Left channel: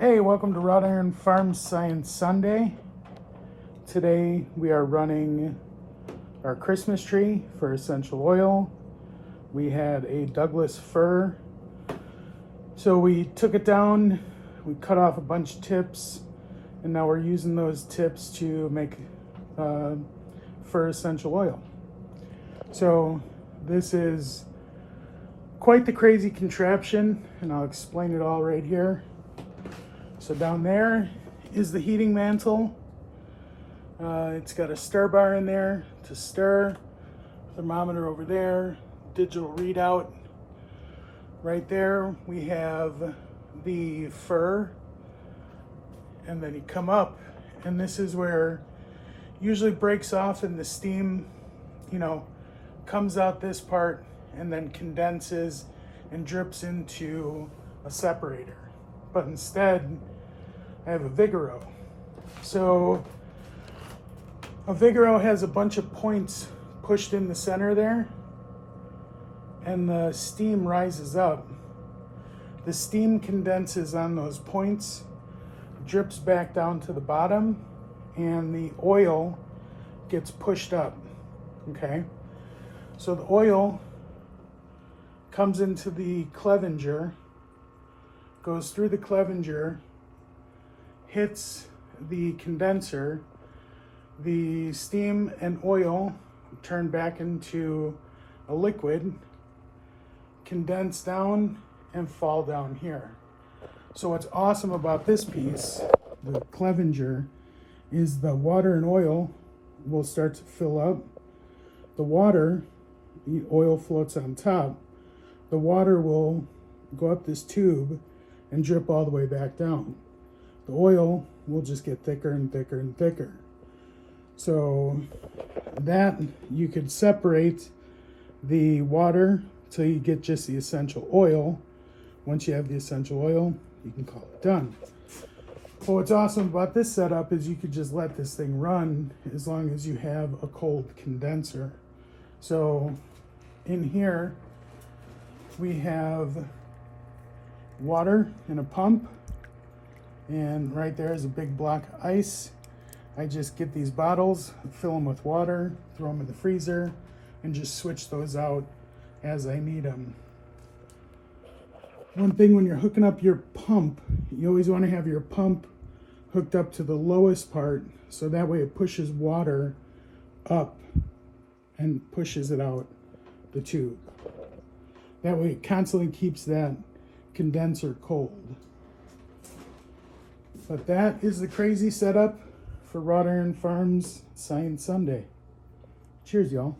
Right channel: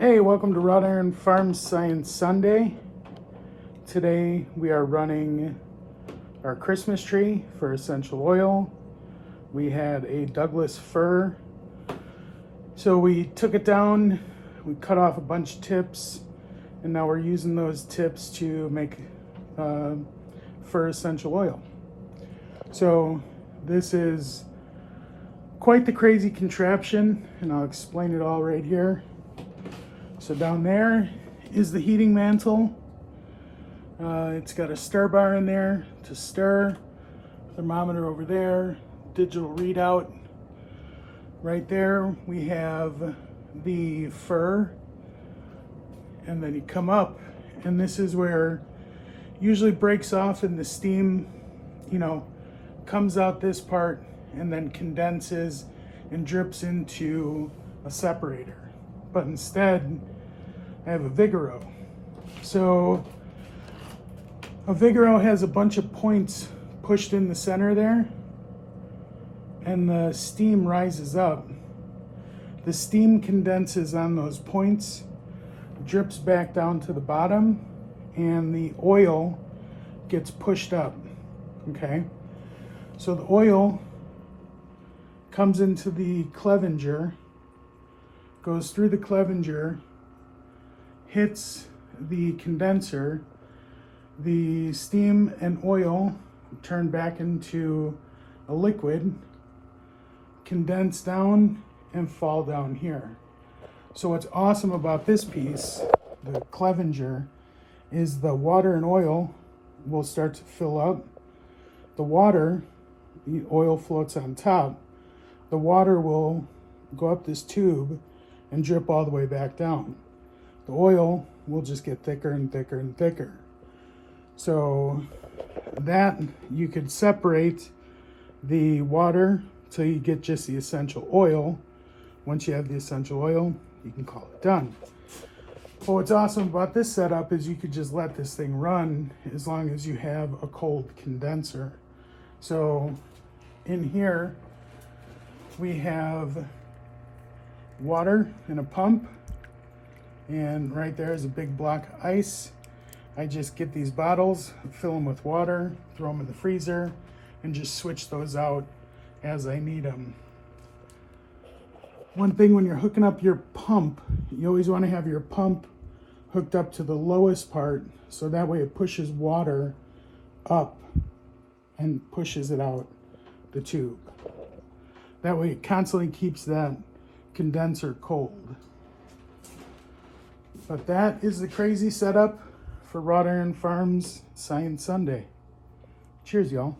Hey, welcome to Wrought Iron Farms Science Sunday. Today we are running our Christmas tree for essential oil. We had a Douglas fir. So we took it down, we cut off a bunch of tips, and now we're using those tips to make fir essential oil. So this is quite the crazy contraption, and I'll explain it all right here. So down there is the heating mantle. It's got a stir bar in there to stir, thermometer over there, digital readout. Right there we have the fir, and then you come up, and this is where usually breaks off and the steam, comes out this part and then condenses and drips into a separator. But instead, I have a Vigoro. So a Vigoro has a bunch of points pushed in the center there, and the steam rises up. The steam condenses on those points, drips back down to the bottom, and the oil gets pushed up. Okay? So the oil comes into the Clevenger, goes through the Clevenger, hits the condenser, the steam and oil turn back into the liquid, condense down, and fall down here. So what's awesome about this piece, the Clevenger, is the water and oil will start to fill up. The oil floats on top. The water will go up this tube and drip all the way back down. The oil will just get thicker and thicker and thicker. So that you could separate the water till you get just the essential oil. Once you have the essential oil, you can call it done. But what's awesome about this setup is you could just let this thing run as long as you have a cold condenser. So in here we have water and a pump, and right there is a big block of ice. I just get these bottles, fill them with water, throw them in the freezer, and just switch those out as I need them. One thing when you're hooking up your pump, you always want to have your pump hooked up to the lowest part, so that way it pushes water up and pushes it out the tube. That way it constantly keeps that condenser cold. But that is the crazy setup for Wrought Iron Farms Science Sunday. Cheers, y'all.